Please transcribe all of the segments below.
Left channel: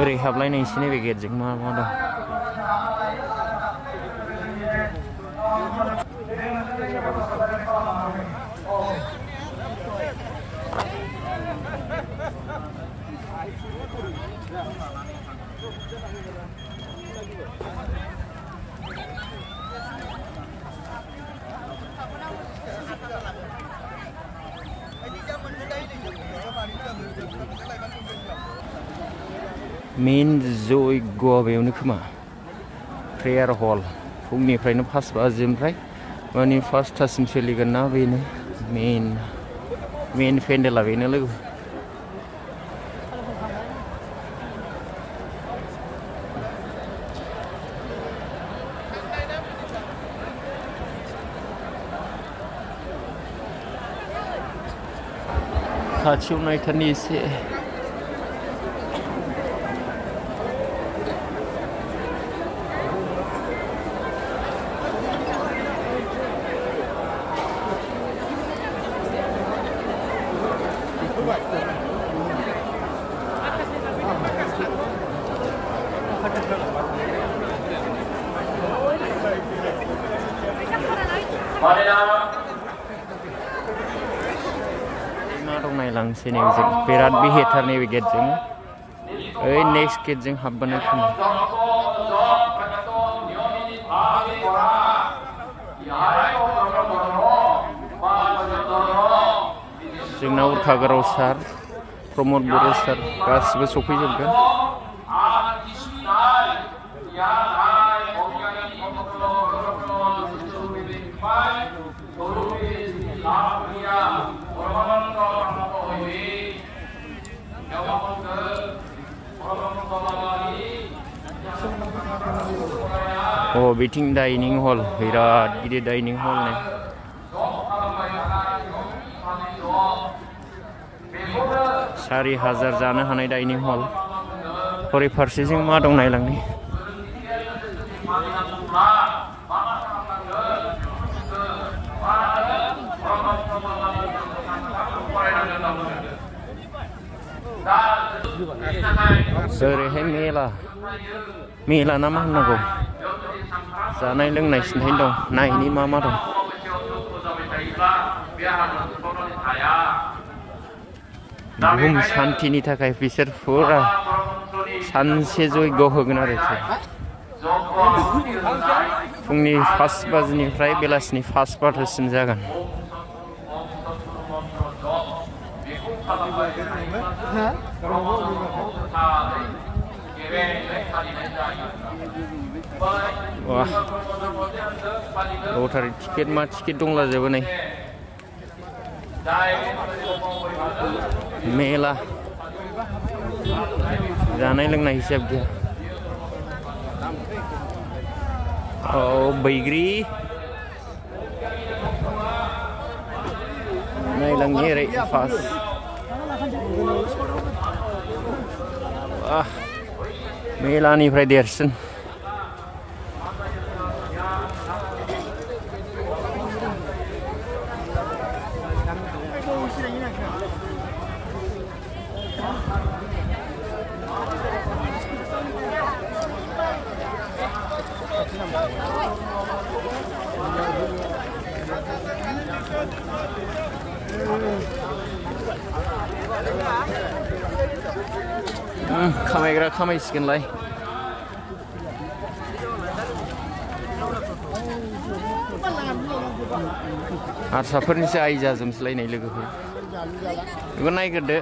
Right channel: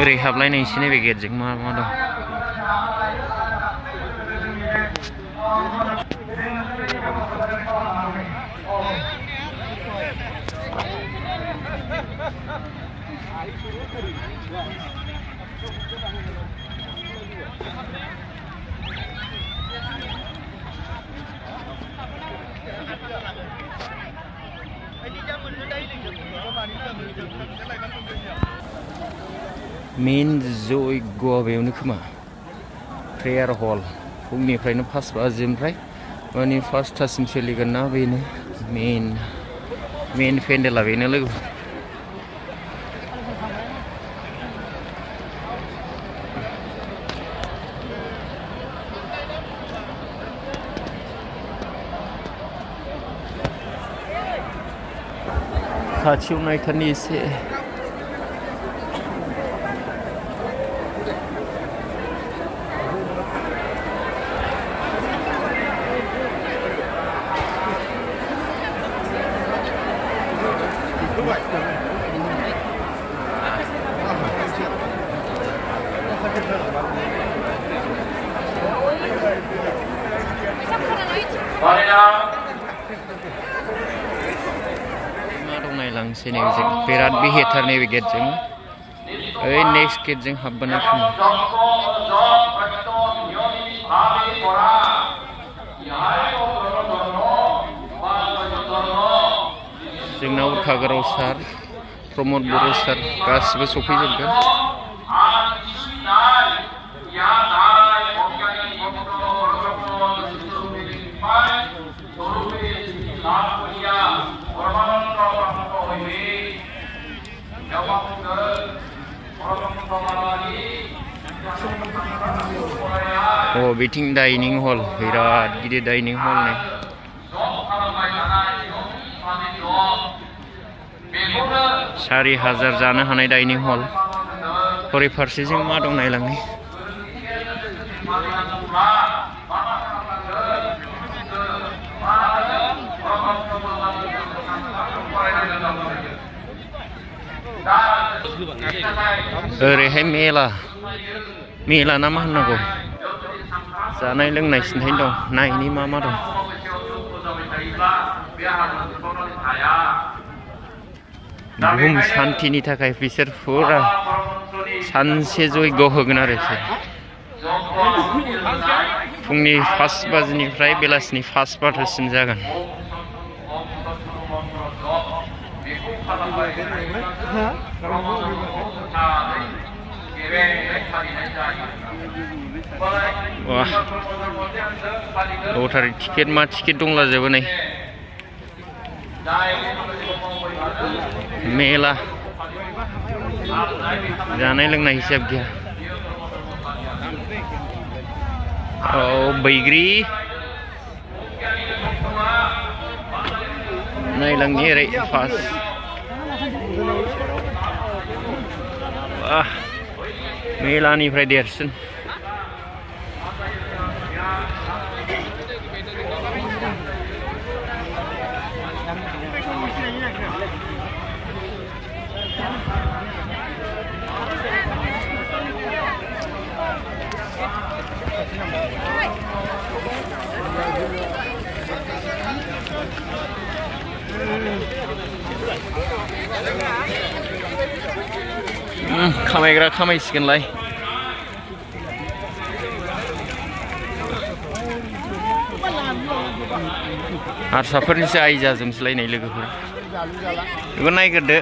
ओरै हाबलायनाय एसे नैबे गेटजों मा मा दं मेन जयग'आ बेयावनो खोमा प्रेयार हल फुंनिफ्रायनो 5 बाजिनिफ्राय माने 5टासिम सोलिगोन ना बेनो मेन पेन्डेला बेनो लोगो खाथियाव नायथारनि एसे मा दं नायलांसै नैबेजों बिराद बिहेटार नैबे गेटजों ओइ नेक्स्ट गेटजों हाबबोनाय खोमा जोंना उरखागोराव सार प्रमद बर' सार गासिबो सफैजोबगोन बिथिं डाइनिं हल बिराद गिदिर डाइनिं हल नै 4000 जानो हानाय डाइनिं हल हरै फारसेजों मा दं नायलांनि ओरैहाय मेला ना मा होननांगौ जानाय लोंनाय सिन्थाय दं नायनि मा मा दं बुहुम शान्तिनि थाखाय बिसोर फुरा सानसे जयग' होगोन आरो फुंनि 5 बाजिनिफ्राय बेलासिनि 5 बाजिसिम जागोन वाह लटारि टिकेट मा टिकेट दंलाजोबो नै मेला जानाय लोंनाय हिसाब गैया बैग्रि नायलांनि ओरै फार्स्ट मेलानिफ्राय देरसिन खामायग्रा खामायसिगोनलाय हारसाफोरनिसो आइ जाजोबसैलायनाय लोगोफोर बेखौ नायग्रोदो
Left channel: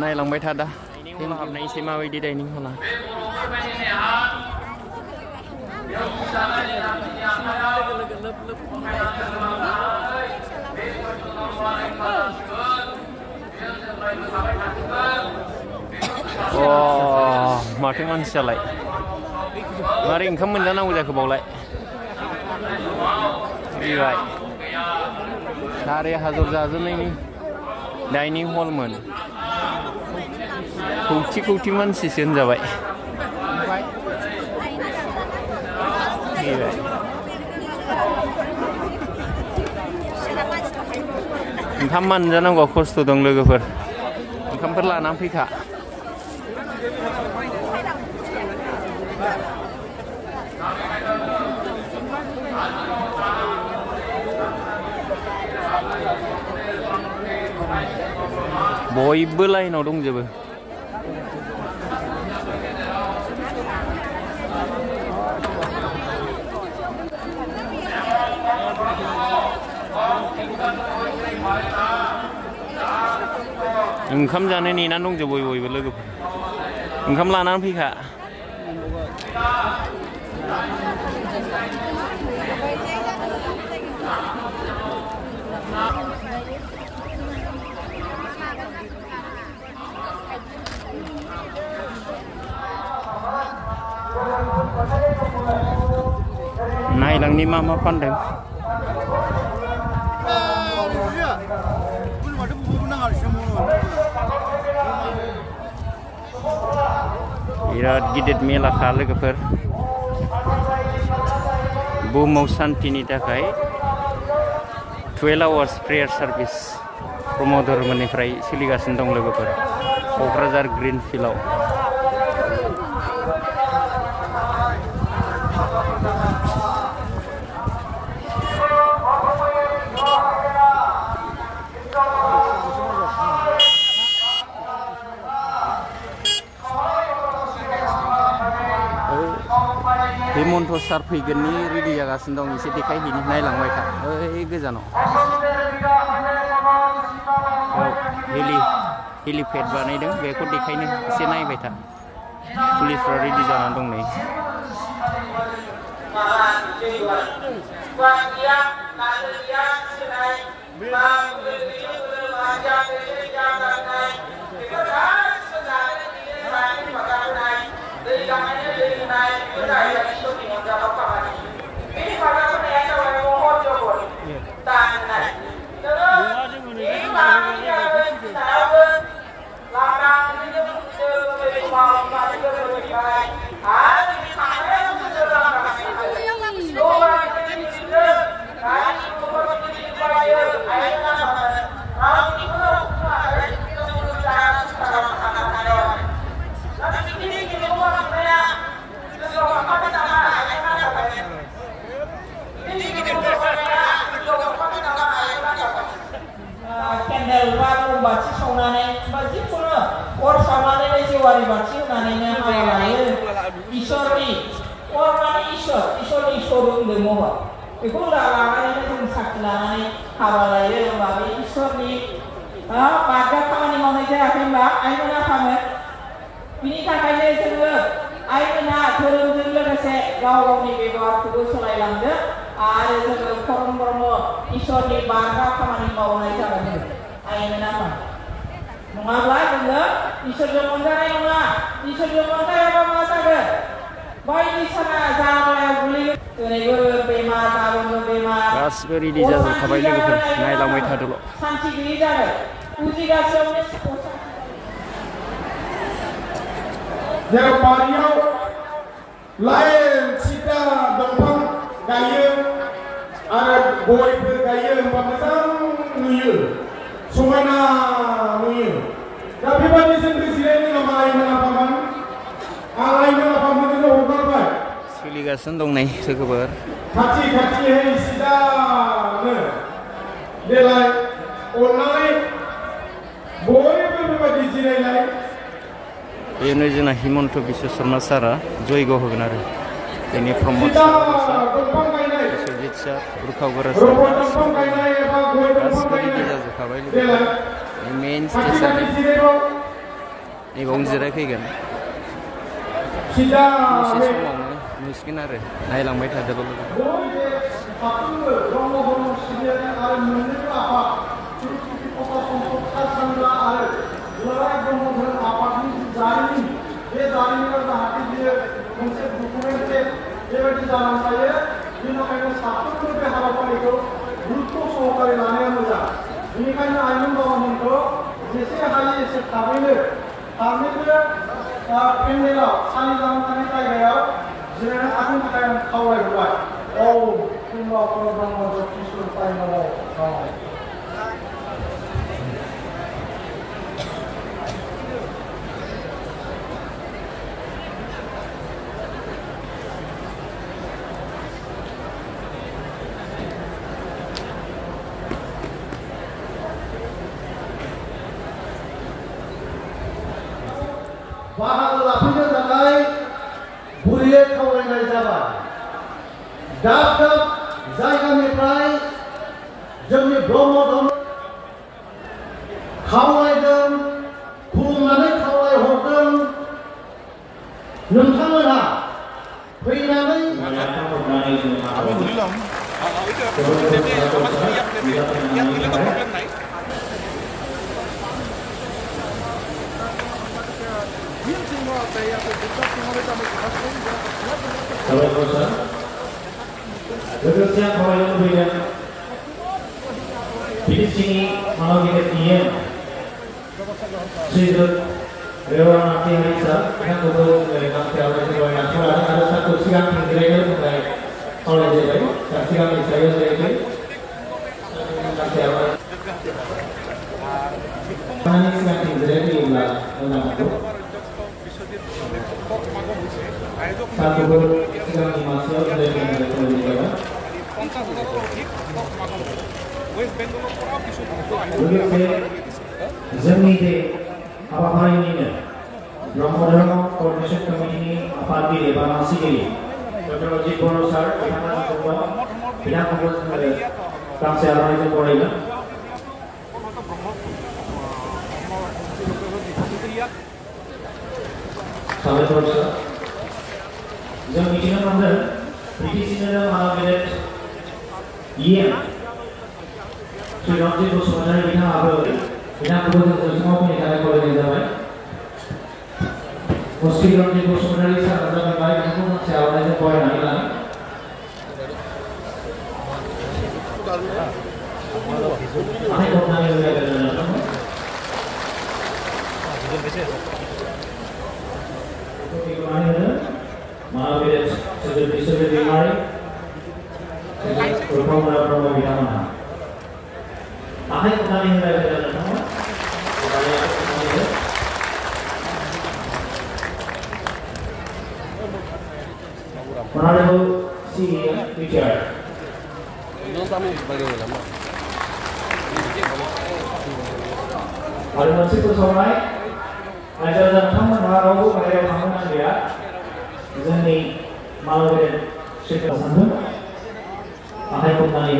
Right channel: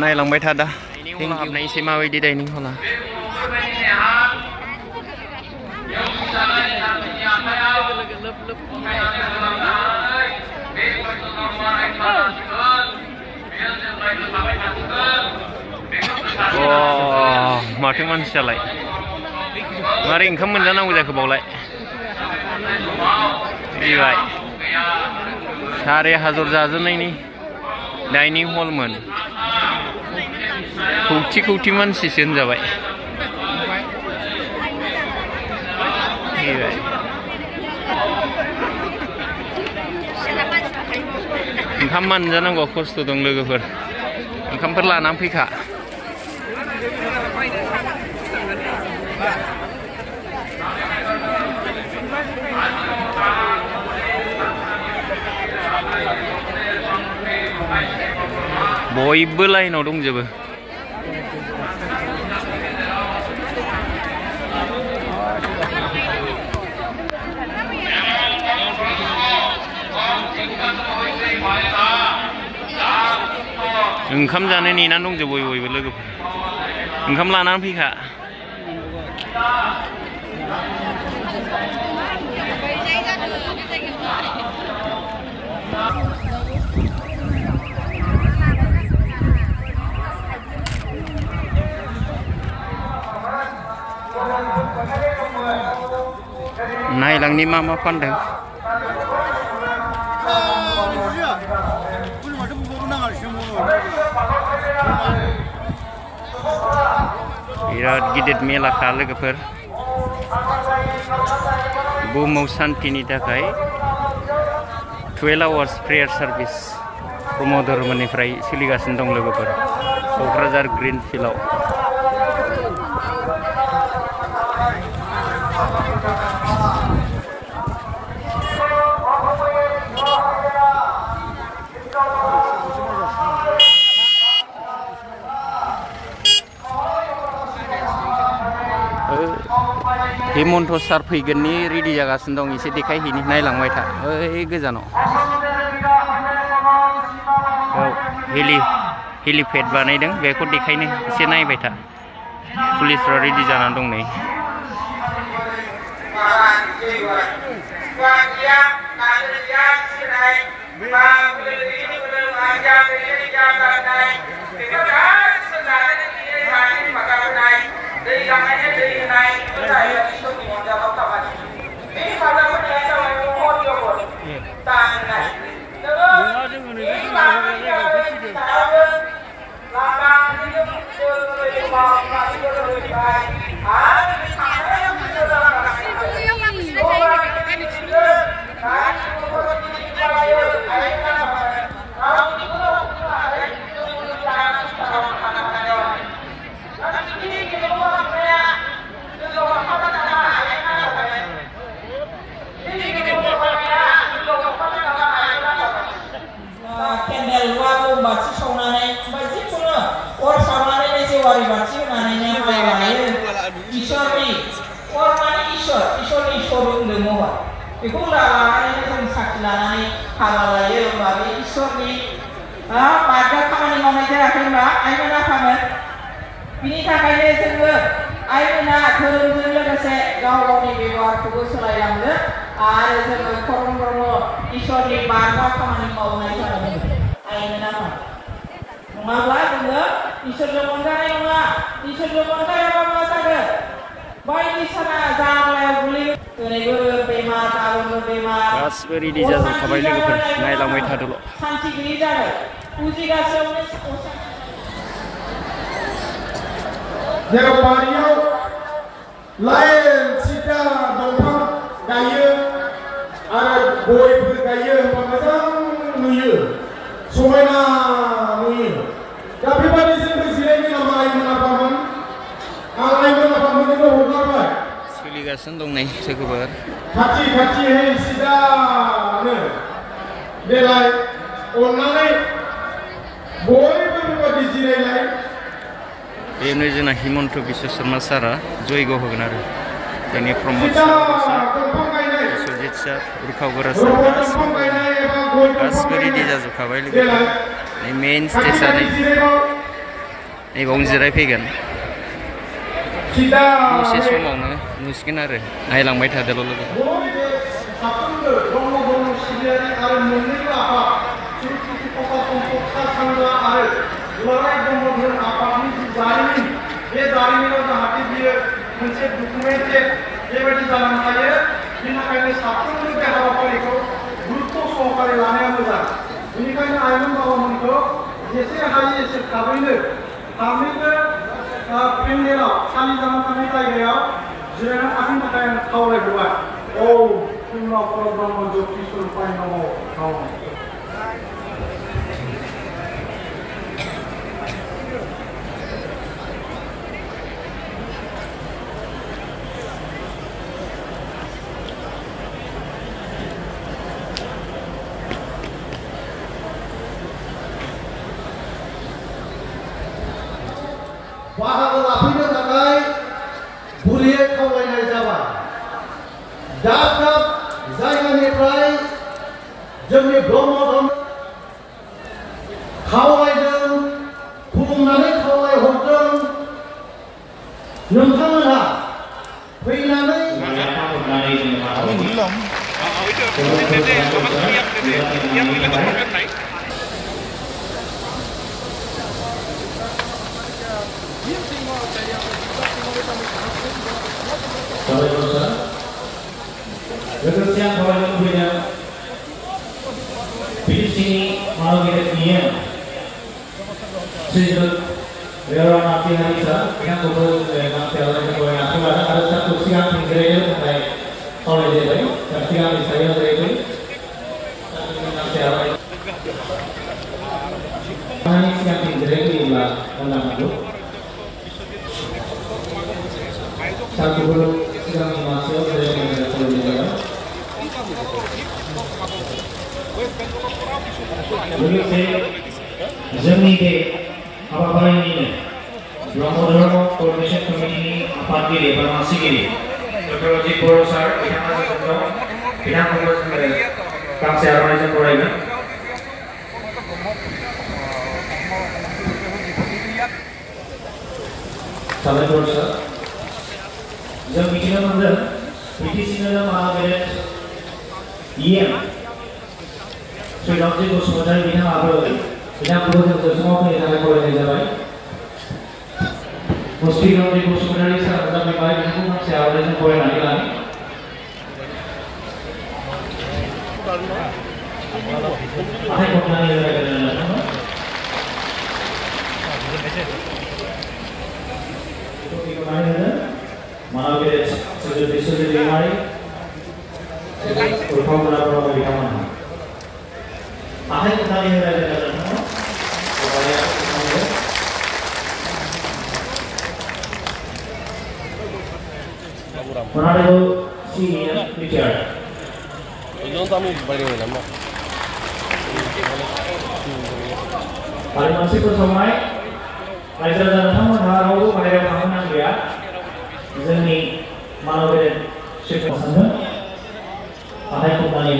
नायलांबाय था दा हाबनायसै माबायदि डाइनिं हला माथो मानसियालाय मारै ओंखाम मोनजानांगौ जाखो बावलाय फैबाय 4000 जाजोबनायनि डाइनिं हलमोन खौथि मानसिसो होनजाबाय फैबाय ओंखाम मोनजानांगौ खस्थ' दं लोगोफोर ओंखामफोर लानानै फैखा बयबो लाइनाव दंजोबो ओंखाम जानो नेनानै दंजोबो बयबो लोगोफोर ओंखाम लानानै फैखा नायलांनि मा फानदों बिराद गिदिर मेलाखा लोगोफोर बुहुमाव शान्तिनि थाखाय 12 आवार्स प्रेयार सार्भिस ब्रह्म धर्मनिफ्राय सोलिगासिनो दं लोगोफोर क'क्राझार ग्रीन फिल्डआव हेमन्त सार फैगोननि रेडि जागासिनो दं एसे देखायहैनि नायलांबाय था ओइ गोजानाव हेलिपेड बानायदों बेखौ देखायनो एसे नायबाय था पुलिसफ्रा रेडि जानानै दं नै गासिबो रेडि जाजोबखाबाय लोगोफोर नायलांबाय थादोल' बारियाव लाइन सिदा दंफां गायो आरो गयफोर गायो होनबा मोजां नुयो समायना नुयो दा बेबायदि जोंबो जिरायनो नामा आइमोनाफामोन आं आइमोनाफामोननो हगारबाय सोलिगासिनो दं नै लोगोफोर खाथि सिदानो देलाय अननानै बयबो बेबायदि जिरायलाय बेनो जोंना हिमन्त बिश्व शर्मा सारा जयग होगोन आरो जोंनि प्रमद सार बिश्वजित सार उर्खाव गोरा सार गासिबो रेडि जाजोबखाबाय लोगोफोर नै मेइन स्टेजआ नै बावनो जिरायफैगोन दसे समावनो नुसिगोन आरो नायलांबाय थादोल' लोगोफोर बे जारिमिनाव जाहाथे बियो मोनसे डकुमेन्टेड बेबायदि जानानै थायो बेनि थाखायनो साफ्रोमबो बे हाबाफारिखौ गुरुत्व सहकारे लानाया मोजां बेनिखायनो आइमोन बाबामोनखौ जेसे हायो एसे थाबैनो थाबैनो पेन्डेलाव खालि जानानै थानाय जायगायाव जिरायना थानो थाखाय आं खावलायहरबाय औ खुलुमनायखौ ब्रह्म ज्योतिषर पाइनाव बाहागो लाफैनो थाखाय गुरैयै खावलायनाय जाबाय। दाब दाब जायगानिफ्राय जोंनि ब्रह्म धर्म खावलायदों, खुलुमनानै खावलायहरदों। नोंथांमोनहा फैनानै लोगोसे आं खावलायनो लुबैदों बिटिसिनि मानव गेदेरनिया श्रीजुत रेवनाथि हारिसा बिथांखौबो गांसे आलायनो गय आखायाव लादों आरो सारखौ सिगां जिरायनो थाखाय खावलायजाबाय। सिगांनि सायाव जिरायबाय गांसे आलाय सिगांथिं जिरायहोयोब्ला मोजां नांगौ। सारखौबो सिगांनि मासेयाव जिरायहोनो थाखाय खावलायजाबाय। लोगोसे जोंनि बे हाबाफारिनिनो ब्रह्म धर्म कोअर्डिनेशन कमिटिनि आफादगिरि एबा मासिगिरि डक्टर अजित बर' सार बिथांमोनखौ गांसे आर'नाइजों बरायगोन। साबायखर सार। जों मिथिनो मोनदों बिटिसिनिनो महागेदेर इएम श्री रामजी बसुमतारी बिथाङाबो बिथांखौबो जों जौसाङाव फैनो थाखाय खावलायनाय जाबाय। श्री रामजी बसुमतारी सार नुजाफैबाय, बिथांखौ गांसे आर'नाइजों बरायनानै लानो। आखाइ खबनानै रायज्लायनो नोंथांमोन। बेखौनानै होनो मानव गेदेर श्री बिश्वजित दैमारि, श्री उल्फामुला ब्रह्म बिथांमोनहा आखाइ खबनानै रायज्लायनो नोंथांमोन। Honorable CEM retired. Ada masih bersama रायजो राजा नोंथांमोनहा रावबो बाहेरायाव थांनो नांलिया। जोंनि मानव गेदेर श्रीखौ सानगोन आखाइ खबनानै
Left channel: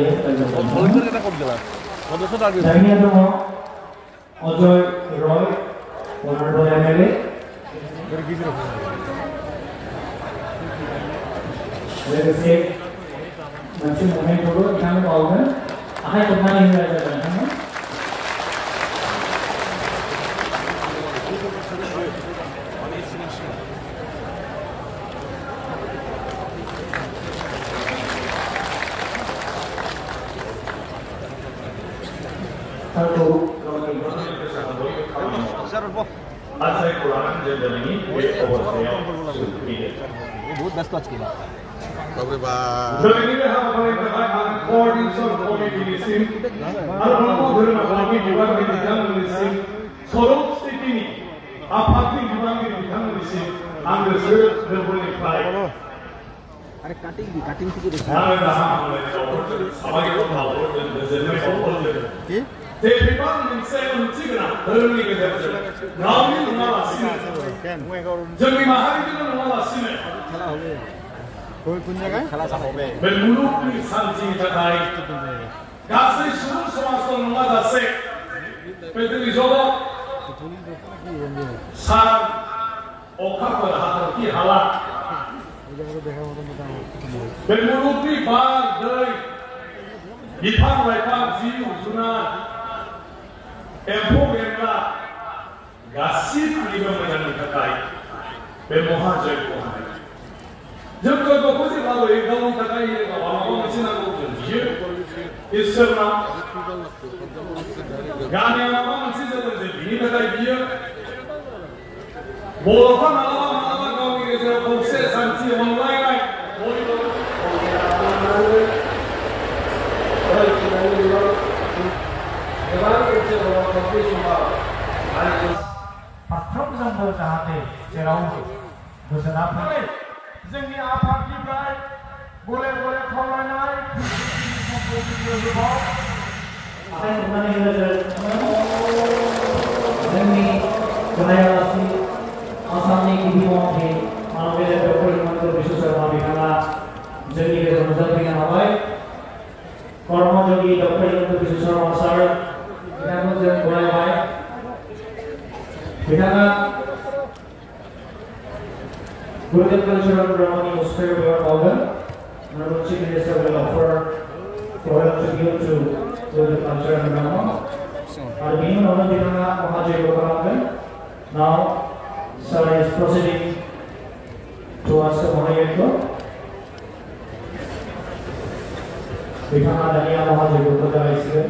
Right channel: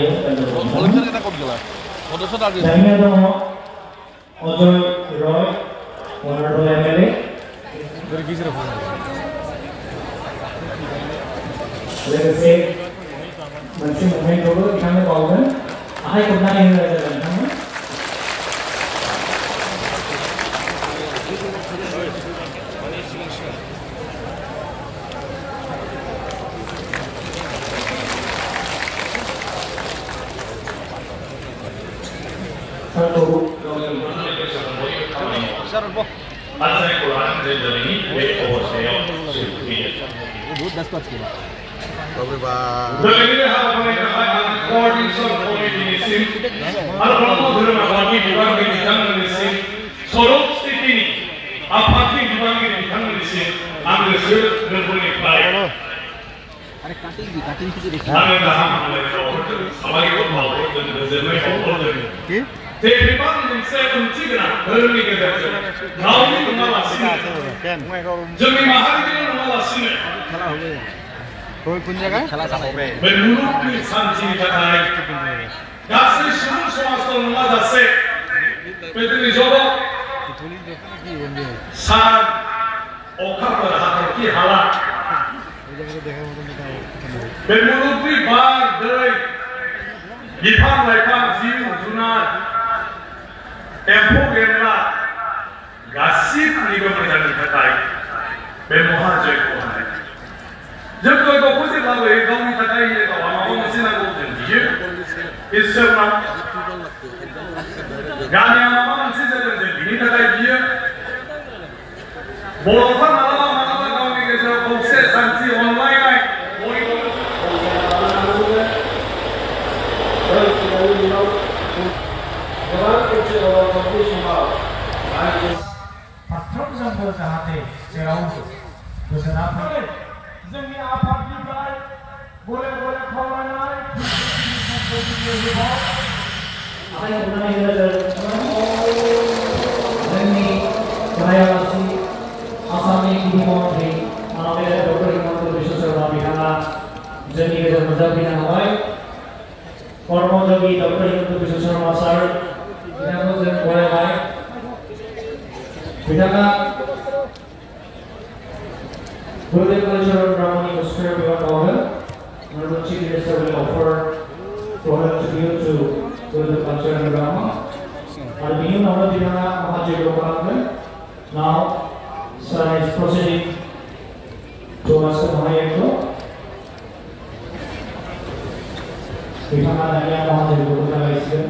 जारिमिन दङ अजय रय होनर एमएलए लोगोसे मोनसे मुंखौबो बिथांनो बावगोन। आखाइ खबनानै होनाय जागोन नोंथांनो। जोंनि माहारिनि नङालासिनो मुलुगनि सान्थिनि थाखाय गासै सुबुं समाजखौ नङाजासे पृथ्वी जगत सान अखाफोर हाथरखि हाला बे मुलुगनि बार दै बिफां लाइफां जिब जुनार एम्फौ एनला गासिबनिबो मोजांनि थाखाय बे महाजयग होनाय जों जयगखौ जेब्लाबो गावनि थाखाय माबा मोनसे नांगौ जों बियो इसोरनाव गामियाव माबा मोनसे जादों जों बिनि थाखाय बियो बर'फ्रा मालाबा मालाबा गावनि गेजेराव खौसे शान्ति अनलायनाय फारफ्रोमजोंबो जाहाथे जेरावबो गोजोना फैयो। जोंनि आफादनिफ्राय गले गले खावलायनाय जोंनि गरायालासि आसाम आसामनि गिबि मन्त्रि माननीय डॉक्टर हिमन्त बिश्व शर्मा बिथाङा जोंनि गेजेराव नुजाफैनो हाबाय कर्मयोगी डॉक्टर हिमन्त बिश्व शर्मा सार बिथांखौ जों बरायबाय बिथाङा गुरुदेव कालचारल ब्रह्मनि मुस्कायाव बेयाव मावदों Honorable Chief Minister will offer for a tribute to Gurudev Cultural Brahma. And being one of the Mahajayoga, now Sir is proceeding to Master Mahayeko. Bithama Dania Mahajayoga is here.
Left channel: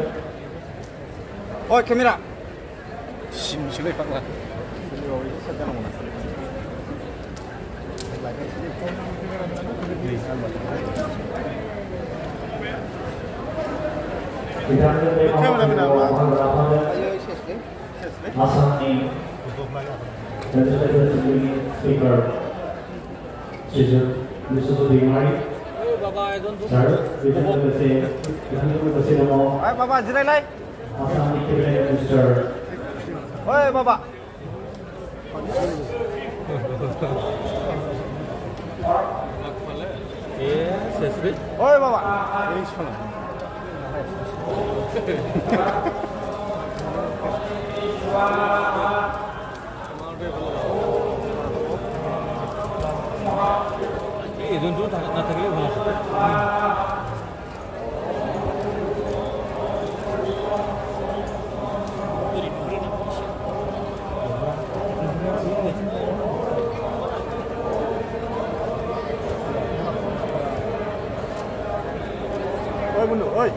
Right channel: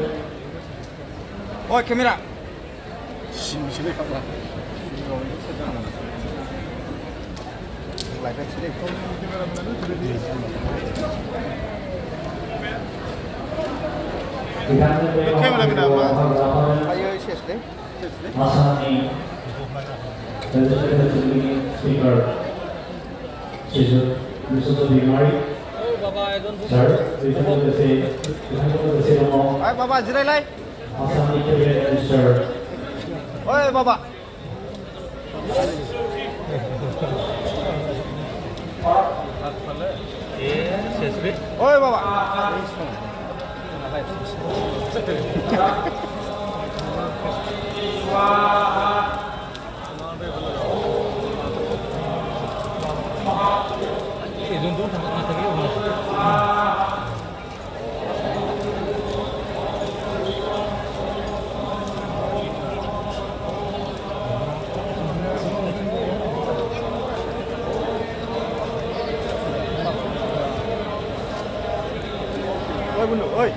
Oh, camera. Cameraman apa? Asami Legislative Assembly Speaker Yusuf Bigmari. Sir, Bishop Namo. Hai Baba, jirai lai. Asami Cabinet Minister. Oi Baba. Oi Baba. Oi bunu, oi.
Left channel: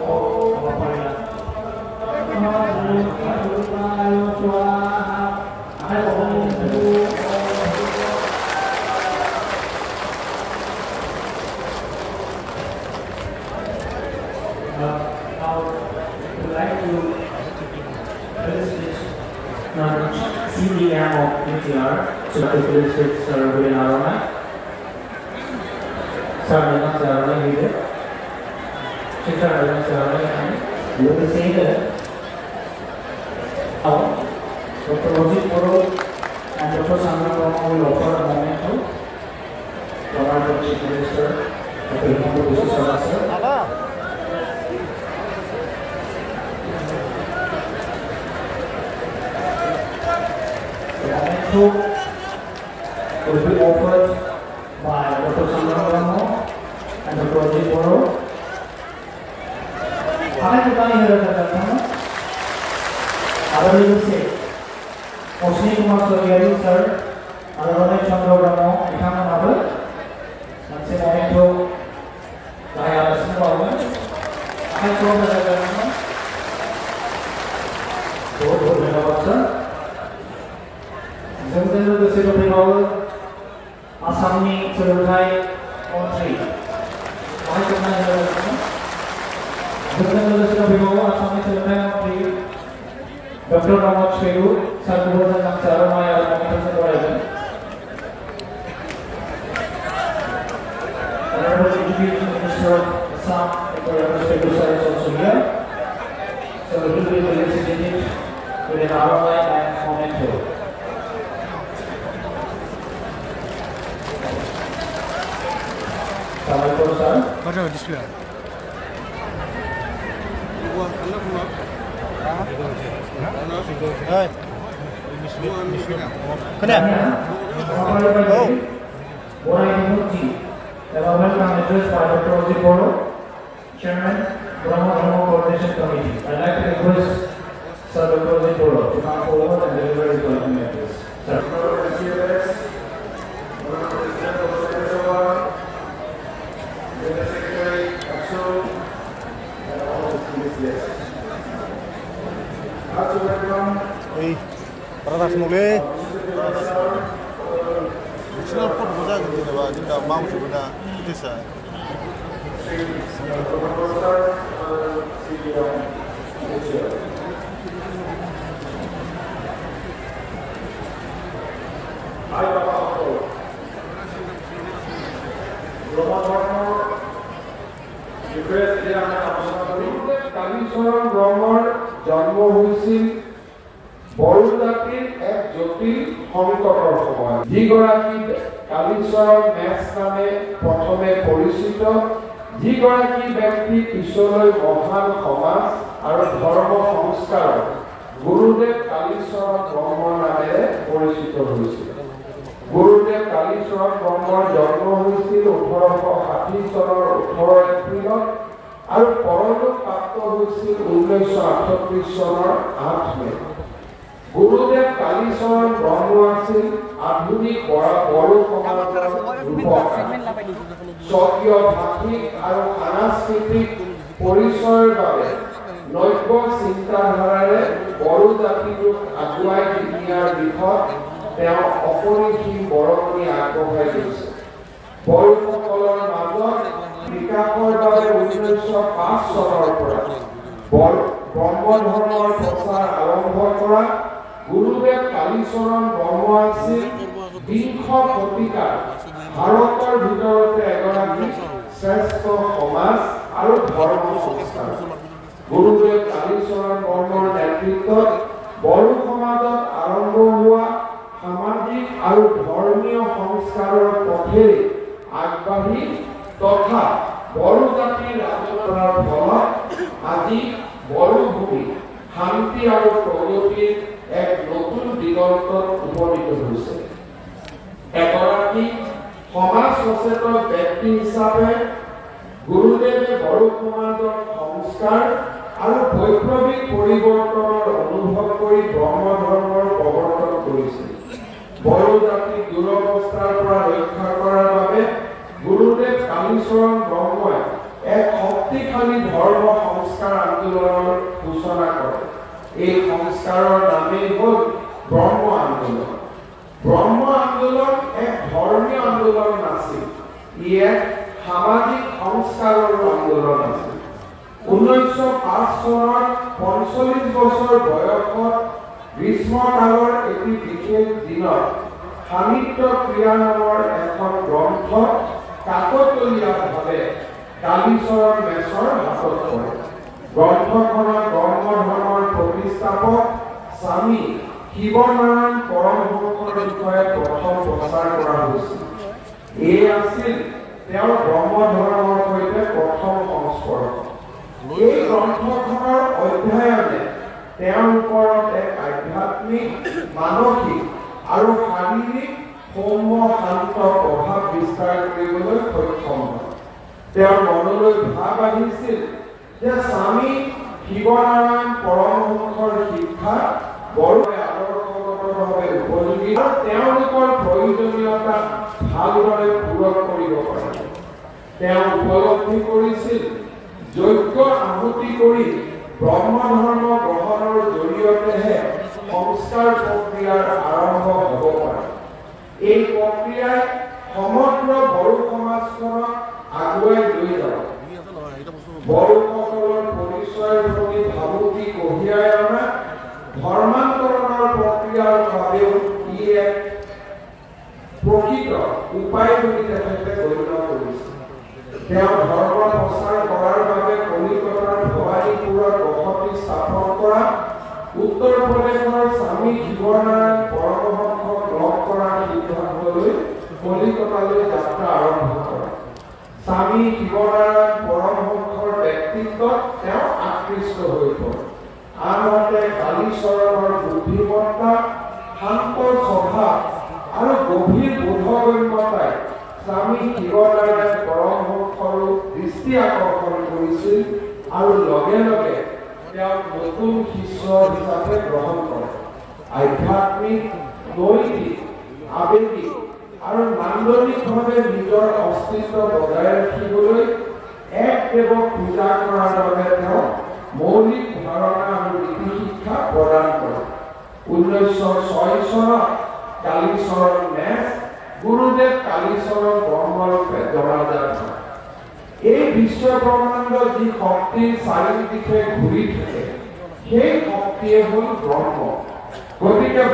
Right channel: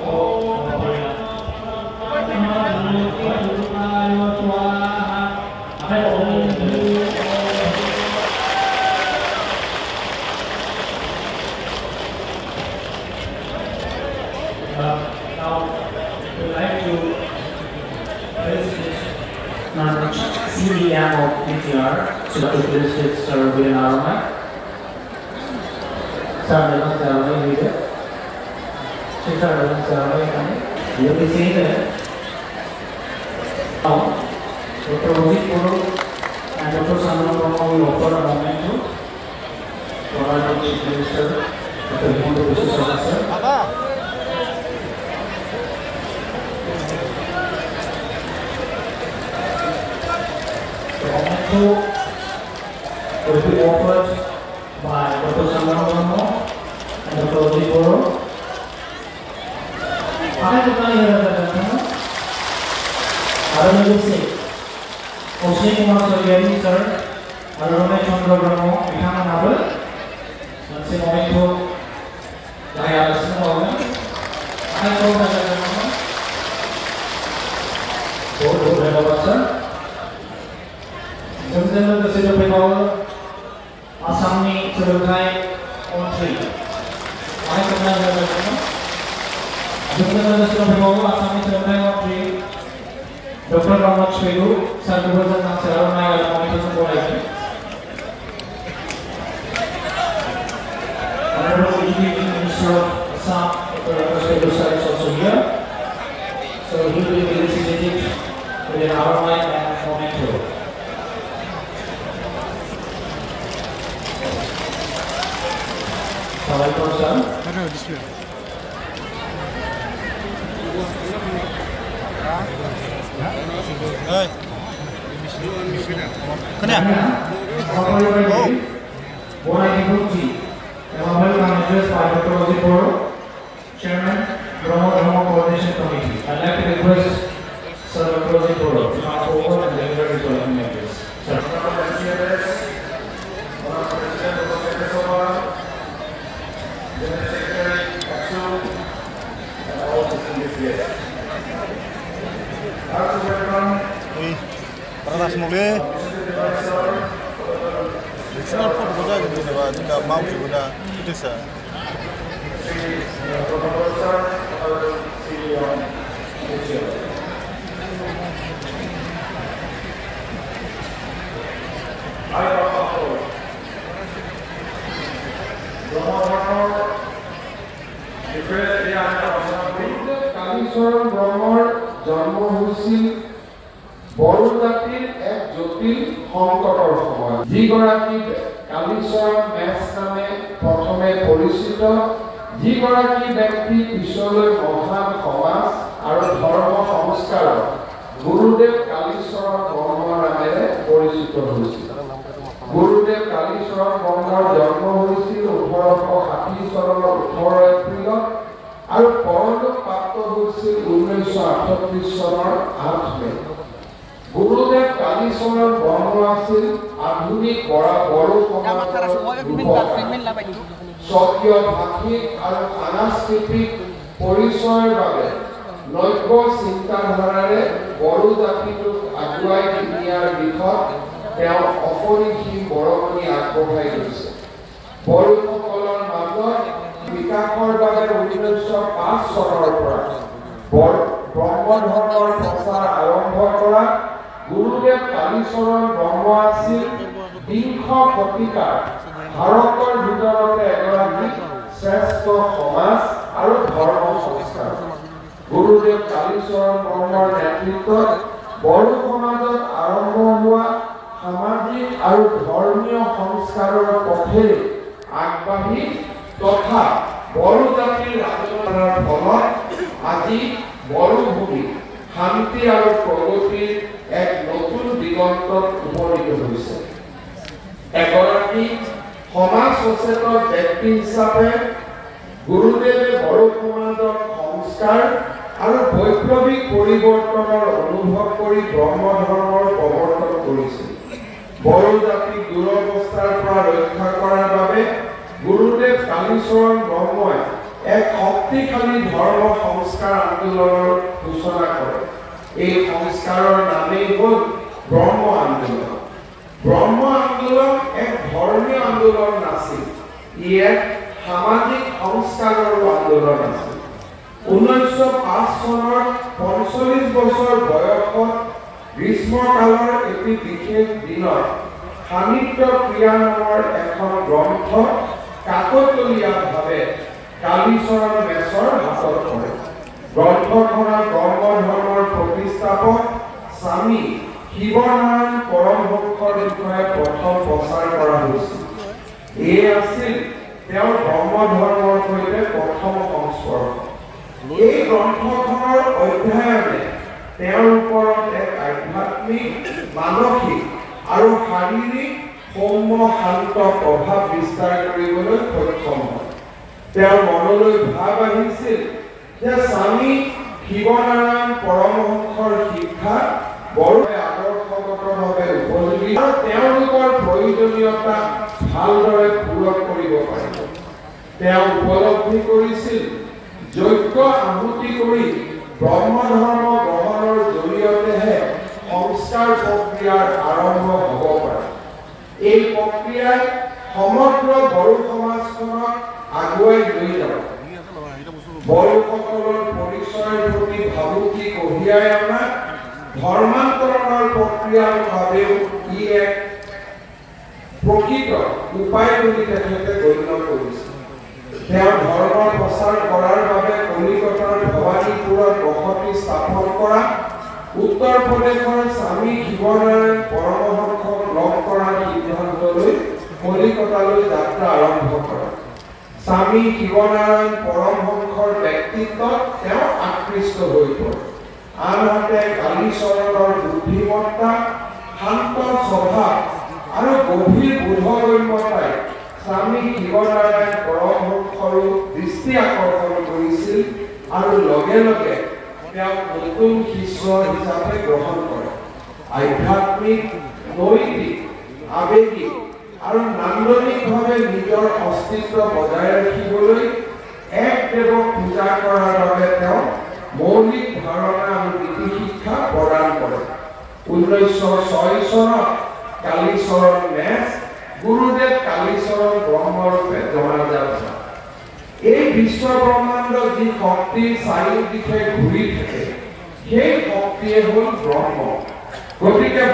Om CDM of PTR, Superintendent Sir Ruben Arona. Sir, Madam Sarani here. Sir, Madam Sarani, you will be saying that now, Dr. Rohit Puro and Dr. Sandra Rama will offer a moment to provide the Chief Minister of the Himanta Biswa Sarma, sir. Will be offered by Dr. Sandra Rama and Dr. Rohit Puro. How many people here are there? Other people say, Osni Kumar Soyari, sir, Arona Chandra Rama, Ihana Naval, Nancy Moito, Daya Asma, I told her, President of the State of Bengal, Assamni Surutai on 3. I told her, President of the State of Bengal, Assamni Surutai on 3. Dr. Ramaj Peru, Sarkubajan and Saramaya Communication Variety. Honorable Education Minister of Assam, Dr. Ramaj Peru, sir, is also here. So he will be felicitated with an ROI and memento. Salaam, sir. Chairman, Brahma Coordination Committee. I'd like to request Sir Dr. Rohit Puro to come forward and deliver his welcome address. Sir. Radas mulai. Semua pun berjaga di mana, kita mau juga itu sah. Kalicharan ব্ৰহ্মৰ জন্ম হৈছিল বড়ো জাতিৰ এক জটিল সংকটৰ সময়ত। যিগৰাকী Kalicharan match নামে প্ৰথমে পৰিচিত, যিগৰাকী ব্যক্তি পিছলৈ মহান সমাজ আৰু ধৰ্ম সংস্কাৰক গুৰুদেৱ কালীচৰণ ব্ৰহ্মৰ নামেৰে পৰিচিত হৈছিল। গুৰুদেৱ কালীচৰণ ব্ৰহ্মৰ জন্ম হৈছিল 1860 চনৰ 18 এপ্ৰিলত আৰু পৰলোক প্ৰাপ্ত হৈছিল 1938 চনৰ 8 মে। গুৰুদেৱ কালীচৰণ ব্ৰহ্ম আছিল আধুনিক বড়ো সমাজৰ ৰূপকাৰ। স্বকীয় ভাষিক আৰু সাংস্কৃতিক পৰিচয়ৰ বাবে নব্য চিন্তাধাৰাৰে বড়ো জাতিটোক আগুৱাই নিয়াৰ দিশত তেওঁ অপৰিসীম বৰঙণি আগবঢ়াই গৈছে। বড়োসকলৰ মাজত বিকাশৰ বাবে 1905 চনৰ পৰা ব্ৰহ্ম ধৰ্মৰ প্ৰচাৰ আৰম্ভ কৰা গুৰুদেৱ কালীচৰণ ব্ৰহ্ম আছিল বিংশ শতিকাৰ ভাৰতৰ ভিতৰতে এগৰাকী শ্ৰেষ্ঠ সমাজ আৰু ধৰ্ম সংস্কাৰ। গুৰুদেৱ কালীচৰণ ব্ৰহ্মৰ নেতৃত্বত বড়ো সমাজত আৰম্ভ হোৱা সামাজিক আৰু ধৰ্মীয় সংস্কাৰৰ পথেৰে আগবাঢ়ি তথা বড়ো জাতিৰ আন্দোলনৰ ফলত আজি বড়ো ভূমি শান্তি আৰু প্ৰগতিৰ এক নতুন দিগন্তত উপনীত হৈছে। এগৰাকী সমাজ সচেতন ব্যক্তি হিচাপে গুৰুদেৱে বড়ো সমাজৰ সংস্কাৰ আৰু বৈপ্লৱিক পৰিৱৰ্তনৰ অনুভৱ কৰি ব্ৰহ্ম ধৰ্মৰ প্ৰৱৰ্তন কৰিছিল। বড়ো জাতিক দুৰৱস্থাৰ পৰা ৰক্ষা কৰাৰ বাবে গুৰুদেৱ কালীচৰণ ব্ৰহ্মই এক শক্তিশালী ধৰ্ম সংস্কাৰ আন্দোলনৰ সূচনা কৰে। এই সংস্কাৰৰ নামেই হ'ল ব্ৰহ্ম আন্দোলন। ব্ৰহ্ম আন্দোলন এক ধৰ্মীয় আন্দোলন নাছিল, ই এক সামাজিক সংস্কাৰৰ আন্দোলন আছিল। 1905 চনৰ 45 বছৰ বয়সত গ্ৰীষ্মকালৰ এটি বিশেষ দিনত সাহিত্য ক্ৰিয়া নামৰ এখন গ্ৰন্থ কাকতলীয়াভাৱে কালীচৰণ মেছৰ হাতত পৰে। গ্ৰন্থখনৰ কৰ্মধৰ্মৰ প্ৰতিষ্ঠাপক স্বামী শিৱনাৰায়ণ পৰমহংসৰ বিষয়ে প্ৰথম প্ৰচাৰ কৰা হৈছিল। এই আছিল তেওঁৰ ব্ৰহ্মধৰ্মৰ সৈতে প্ৰথম সংস্পৰ্শ। এই গ্ৰন্থখনৰ অধ্যয়নে তেওঁৰ ওপৰত এক আধ্যাত্মিক, মানসিক আৰু শাৰীৰিক সৌম্য শান্ত প্ৰভাৱ বিস্তাৰ কৰিবলৈ সক্ষম হয়। তেওঁৰ মনলৈ ভাৱ আহিছিল যে স্বামী শিৱনাৰায়ণ পৰমহংসৰ শিক্ষা বৰকৈ আদৰ্শগতভাৱে উপযোগী আৰু তেওঁলোকৰ প্ৰয়োজনীয়তা ভালদৰে পূৰণ কৰিব পাৰিব। তেওঁ উপলব্ধি কৰিছিল যজ্ঞ আহুতি কৰি ব্ৰহ্মধৰ্ম গ্ৰহণৰ জৰিয়তেহে সংস্কাৰ প্ৰক্ৰিয়াৰ আৰম্ভ হ'ব পাৰে। এই প্ৰক্ৰিয়াই সমগ্ৰ বড়ো সমাজখনক আগুৱাই লৈ যাব। বড়োসকলৰ পৰিচয়ৰ প্ৰতি ভাবুকি কঢ়িয়াই অনা ধৰ্মান্তৰণৰ প্ৰক্ৰিয়াৰ বাবেও ই এক প্ৰকৃত উপায় বুলি তেখেতে গণ্য কৰিছিল। তেওঁ ধৰ্ম প্ৰচাৰ কৰাৰ বাবে কলিকতাৰ ভৱানীপুৰত বসতি স্থাপন কৰা, উত্তৰ প্ৰদেশৰ স্বামী শিৱনাৰায়ণ পৰমহংসক লগ কৰাৰ সিদ্ধান্ত লৈ কলিকতালৈ যাত্ৰা আৰম্ভ কৰে। স্বামী শিৱনাৰায়ণ পৰমহংসৰ ব্যক্তিত্বত তেওঁ আকৃষ্ট হৈ পৰে। আনহাতে কালীচৰণৰ বুদ্ধিমত্তা, শান্ত স্বভাৱ আৰু গভীৰ বোধগম্যতাই স্বামী শিৱনাৰায়ণ পৰমহংসৰো দৃষ্টি আকৰ্ষণ কৰিছিল আৰু লগে লগে তেওঁক নতুন শিষ্য হিচাপে গ্ৰহণ কৰে। আধ্যাত্মিক, নৈতিক, আৱেগিক আৰু নান্দনিকভাৱে নিজৰ অস্তিত্ব বজাই ৰাখিবলৈ এক দেৱক পূজা কৰাৰ বাবে তেওঁ মৌলিক ধাৰণা আৰু নীতি শিক্ষা প্ৰদান কৰে। 1906 চনত কালীচৰণ মেছ গুৰুদেৱ কালীচৰণ ব্ৰহ্মৰূপে জনাজাত হয়। এই বিশ্ব ব্ৰহ্মাণ্ড যি শক্তিৰ চাৰিওদিশে ঘূৰি থাকে, সেই শক্তিয়ে হ'ল ব্ৰহ্ম। গতিকে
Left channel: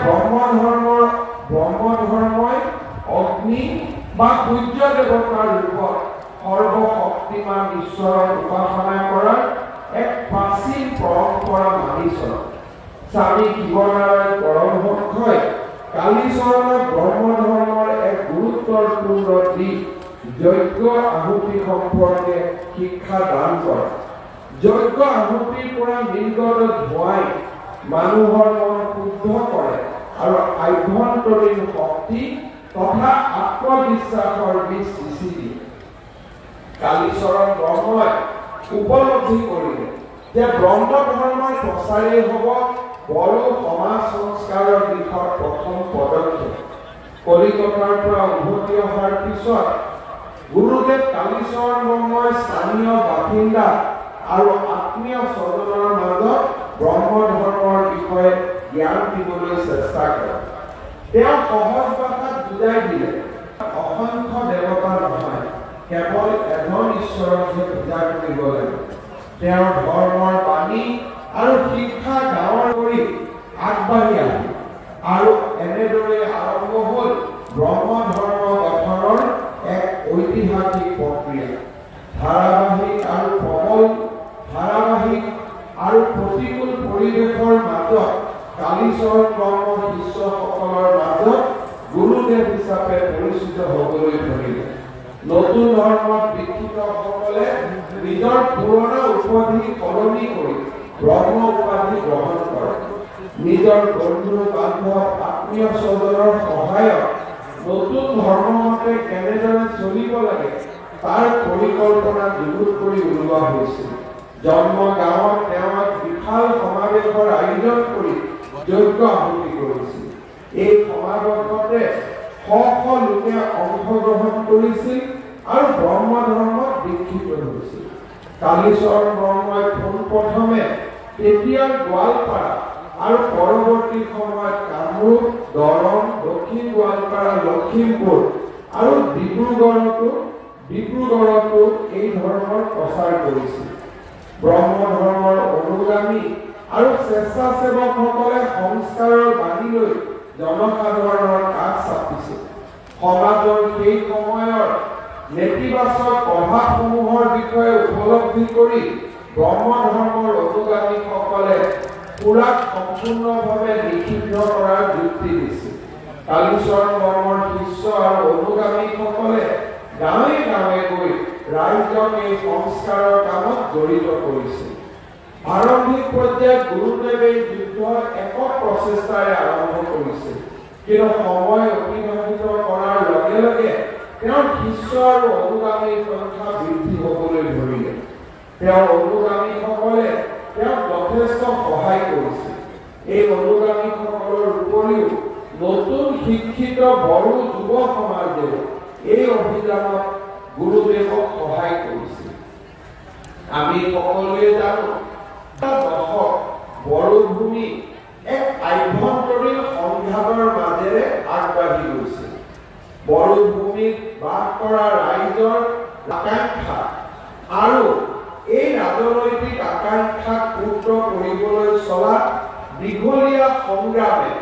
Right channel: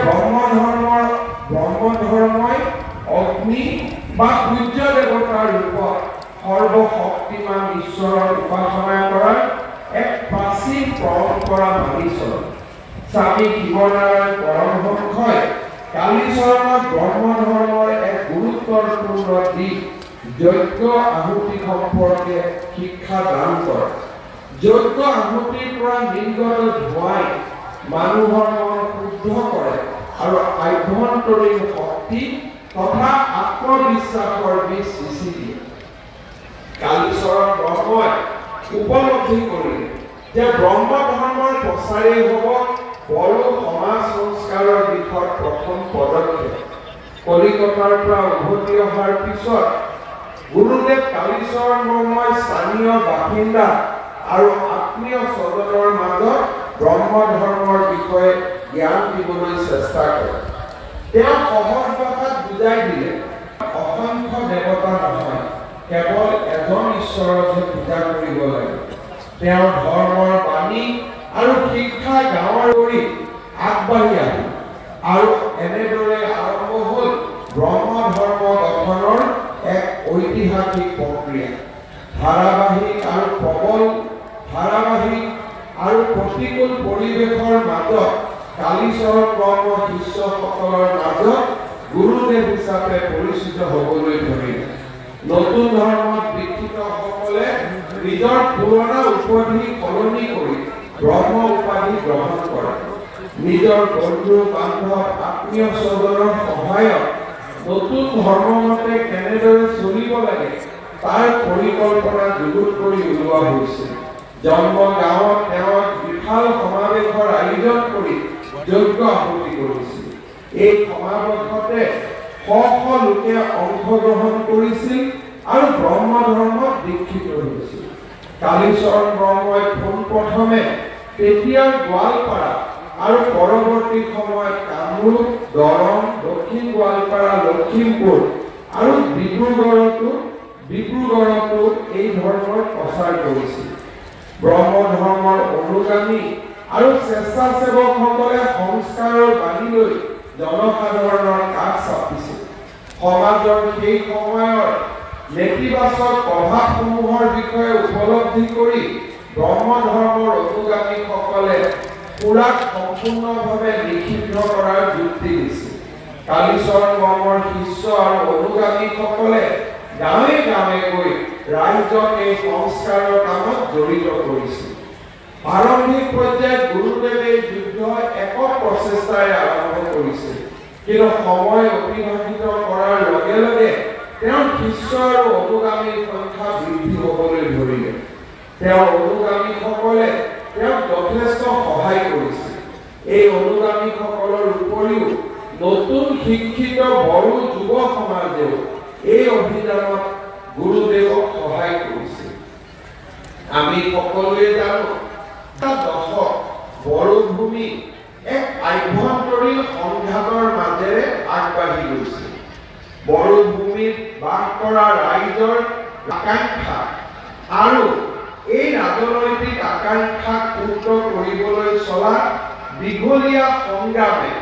ব্ৰহ্মধৰ্মই অগ্নি বা সূৰ্য দেৱতাৰ ৰূপত সৰ্বশক্তিমান ঈশ্বৰৰ উপাসনা কৰাৰ এক প্ৰাচীন পৰম্পৰা মানি চলে। স্বামী শিৱনাৰায়ণ পৰমহংসই কালীচৰণক ব্ৰহ্মধৰ্মৰ এক গুৰুত্বপূৰ্ণ দিশ যজ্ঞ আহুতি সম্পৰ্কে শিক্ষা দান কৰে। যজ্ঞ আহুতিৰ পৰা নিৰ্গত ধোঁৱাই মানুহৰ মন শুদ্ধ কৰে আৰু আভ্যন্তৰীণ শক্তি তথা আত্মবিশ্বাসৰ বীজ সিঁচি দিয়ে। কালীচৰণ ব্ৰহ্মই উপলব্ধি কৰিলে যে ব্ৰহ্মধৰ্মৰ প্ৰচাৰেই হ'ব বড়ো সমাজ সংস্কাৰৰ দিশত প্ৰথম পদক্ষেপ। কলিকতাৰ পৰা উভতি অহাৰ পিছত গুৰুদেৱ কালীচৰণ ব্ৰহ্মই স্থানীয় বাসিন্দা আৰু আত্মীয় স্বজনৰ মাজত ব্ৰহ্মধৰ্মৰ বিষয়ে জ্ঞান দিবলৈ চেষ্টা কৰে। তেওঁ সহজ ভাষাত বুজাই দিলে অসংখ্য দেৱতা নহয়, কেৱল এজন ঈশ্বৰকহে পূজা কৰিব লাগে। তেওঁৰ ধৰ্মৰ বাণী আৰু শিক্ষা গাঁৱৰ কৰি আগবাঢ়ি আহিল আৰু এনেদৰে আৰম্ভ হ'ল ব্ৰহ্মধৰ্ম গঠনৰ এক ঐতিহাসিক প্ৰক্ৰিয়া। ধাৰাবাহিক আৰু প্ৰতিকূল পৰিৱেশৰ মাজত কালীচৰণ ব্ৰহ্ম শিষ্যসকলৰ মাজত গুৰুদেৱ হিচাপে পৰিচিত হ'বলৈ ধৰিলে। নতুন ধৰ্মত দীক্ষিতসকলে নিজৰ পুৰণা উপাধি সলনি কৰি ব্ৰহ্ম উপাধি গ্ৰহণ কৰে। নিজৰ বন্ধু বান্ধৱ আত্মীয় স্বজনৰ সহায়ত নতুন ধৰ্মমতে কেনেদৰে চলিব লাগে তাৰ পৰিকল্পনা যুগুত কৰি উলিওৱা হৈছিল। জন্ম গাঁৱত তেওঁ বিশাল সমাৱেশৰ আয়োজন কৰি যজ্ঞ আহুতি কৰিছিল। এই সমাৱেশতে শ শ লোকে অংশগ্ৰহণ কৰিছিল আৰু ব্ৰহ্মধৰ্মত দীক্ষিত হৈছিল। কালীচৰণ ব্ৰহ্মই পোনপ্ৰথমে তেতিয়াৰ গোৱালপাৰা আৰু পৰৱৰ্তী সময়ত কামৰূপ, দৰং, দক্ষিণ গোৱালপাৰা, লখিমপুৰ আৰু ডিব্ৰুগড়তো এই ধৰ্মৰ প্ৰচাৰ কৰিছিল। ব্ৰহ্ম ধৰ্মৰ অনুগামী আৰু স্বেচ্ছাসেৱকসকলে সংস্কাৰৰ বাণী লৈ জনসাধাৰণৰ কাষ চাপিছিল। সমাজৰ সেই সময়ৰ নেতিবাচক প্ৰভাৱসমূহৰ বিষয়ে উপলব্ধি কৰি ব্ৰহ্ম ধৰ্মৰ অনুগামীসকলে পুৰাক সম্পূৰ্ণভাৱে নিষিদ্ধ কৰাৰ যুক্তি দিছিল। কালীচৰণ ব্ৰহ্মৰ শিষ্য আৰু অনুগামীসকলে গাঁৱে গাঁৱে গৈ ৰাইজক এই সংস্কাৰৰ কামত জড়িত কৰিছিল। আৰম্ভিক পৰ্যায়ত গুৰুদেৱে যুদ্ধ একক প্ৰচেষ্টাৰে আৰম্ভ কৰিছিল, কিন্তু সময় অতিবাহিত কৰাৰ লগে লগে তেওঁৰ শিষ্য আৰু অনুগামীৰ সংখ্যা বৃদ্ধি হ'বলৈ ধৰিলে। তেওঁৰ অনুগামীসকলে তেওঁক যথেষ্ট সহায় কৰিছিল। এই অনুগামীসকলৰ উপৰিও নতুন শিক্ষিত বড়ো যুৱ সমাজেও এই অভিযানত গুৰুদেৱক সহায় কৰিছিল। আমি সকলোৱে জানো দশক বড়ো ভূমি এক আভ্যন্তৰীণ সংঘাতৰ মাজেৰে আগবাঢ়ি গৈছিল। বড়ো ভূমিত বাস কৰা ৰাইজৰ আকাংক্ষা আৰু এই ৰাজনৈতিক আকাংক্ষাক পূৰ্ণ কৰিবলৈ চলা দীঘলীয়া সংগ্ৰামে